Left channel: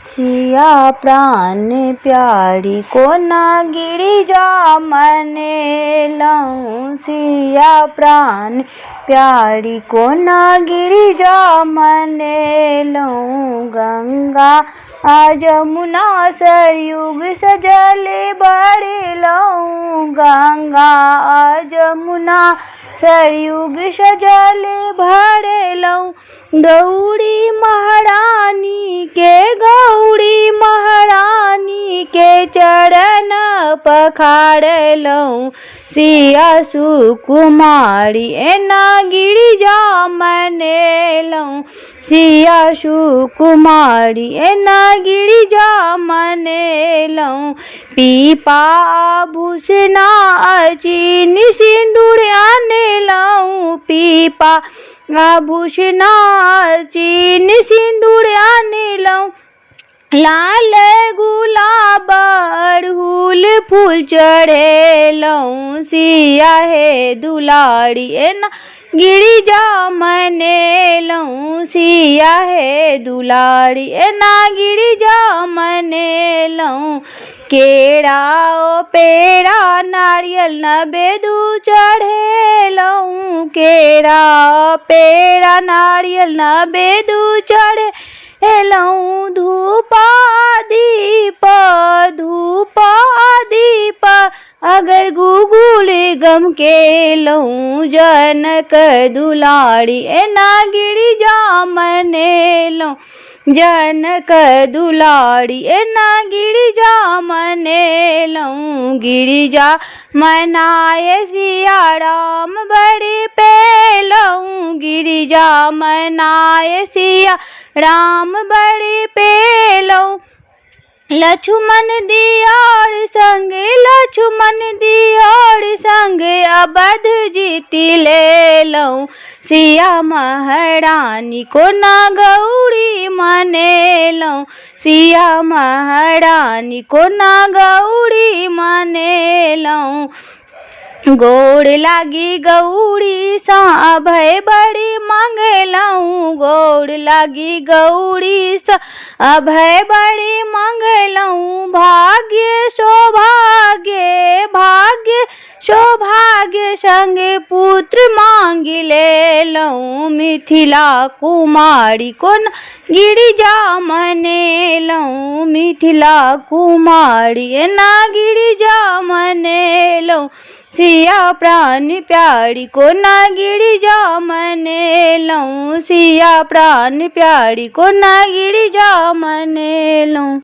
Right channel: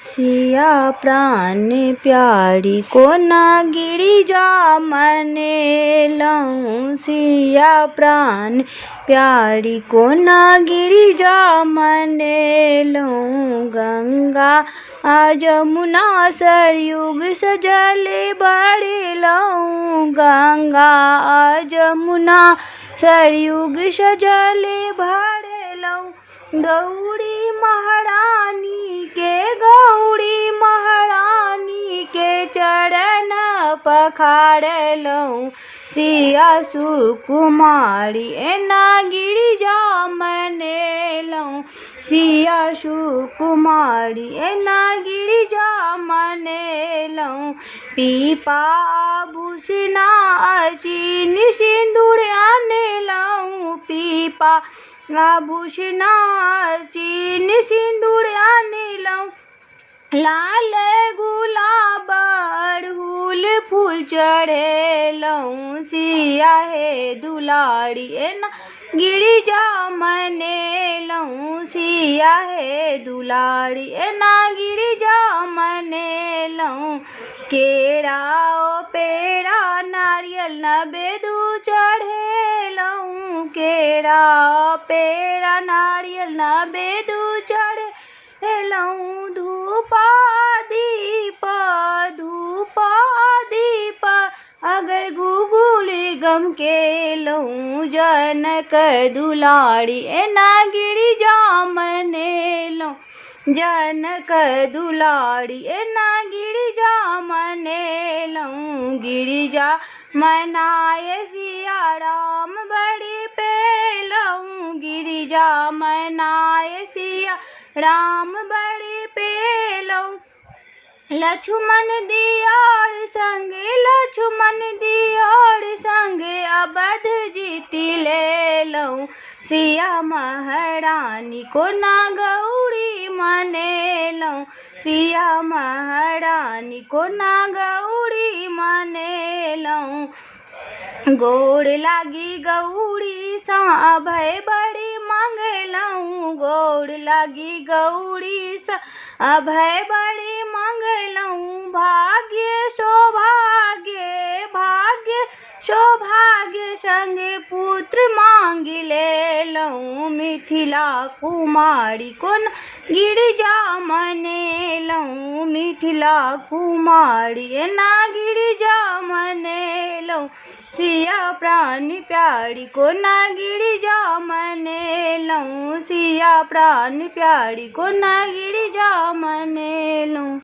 सिया प्राण प्यारी को ना गिरिजा मनेलहुँ। सिया प्राण प्यारी को ना गिरिजा मनेलहुँ। गंगा आ जमुना सरयुग सजल बरलहुँ। गंगा आ जमुना सरयुग सजल भरलहुँ। गौरी महारानी के चरण पखारलहुँ। सिया सुकुमारी एना गिरिजा मनेलहुँ। सिया सुकुमारी एना गिरिजा मनेलहुँ। पीपा आभूषणा अचिन सिन्दूर आनलहुँ। पीपा आभूषणा अचिन सिन्दूर आनलहुँ। लाल गुलाब अड़हुल फूल चढ़ेलहुँ। सिया हे दुलारी एना गिरिजा मनेलहुँ। सिया हे दुलारी एना गिरिजा मनेलहुँ। केरा ओ पेड़ा नारियल नवेदु चढ़ेलहुँ। केरा ओ पेड़ा नारियल नवेदु चढ़ेलहुँ। धूपा दीप अगर गुगुल गम केलहुँ। जनक दुलारी एना गिरिजा मनेलहुँ। जनक दुलारी एना गिरिजा मनेलहुँ। गिरिजा मनाए सिया राम बड़ि पेलहुँ। गिरिजा मनाए सिया राम बड़ि पेलहुँ। लक्ष्मण दियोर संग अवध जीति लेलहुँ। सिया महारानी को ना गौरी मनेलहुँ। सिया महारानी को ना गौरी मनेलहुँ। गोड़ लागी गौरी सा अभय बड़ि मंगलहुँ। गोड़ लागी गौरी सा अभय बड़ि मंगलहुँ। भाग्य सौभाग्य संग पुत्र मांग लेलहुँ। मिथिला कुमारी को ना गिरिजा मनेलहुँ। मिथिला कुमारी एना गिरिजा मनेलहुँ। सिया प्राण प्यारी को ना गिरिजा मनेलहुँ। सिया प्राण प्यारी को ना गिरिजा मनेलहुँ।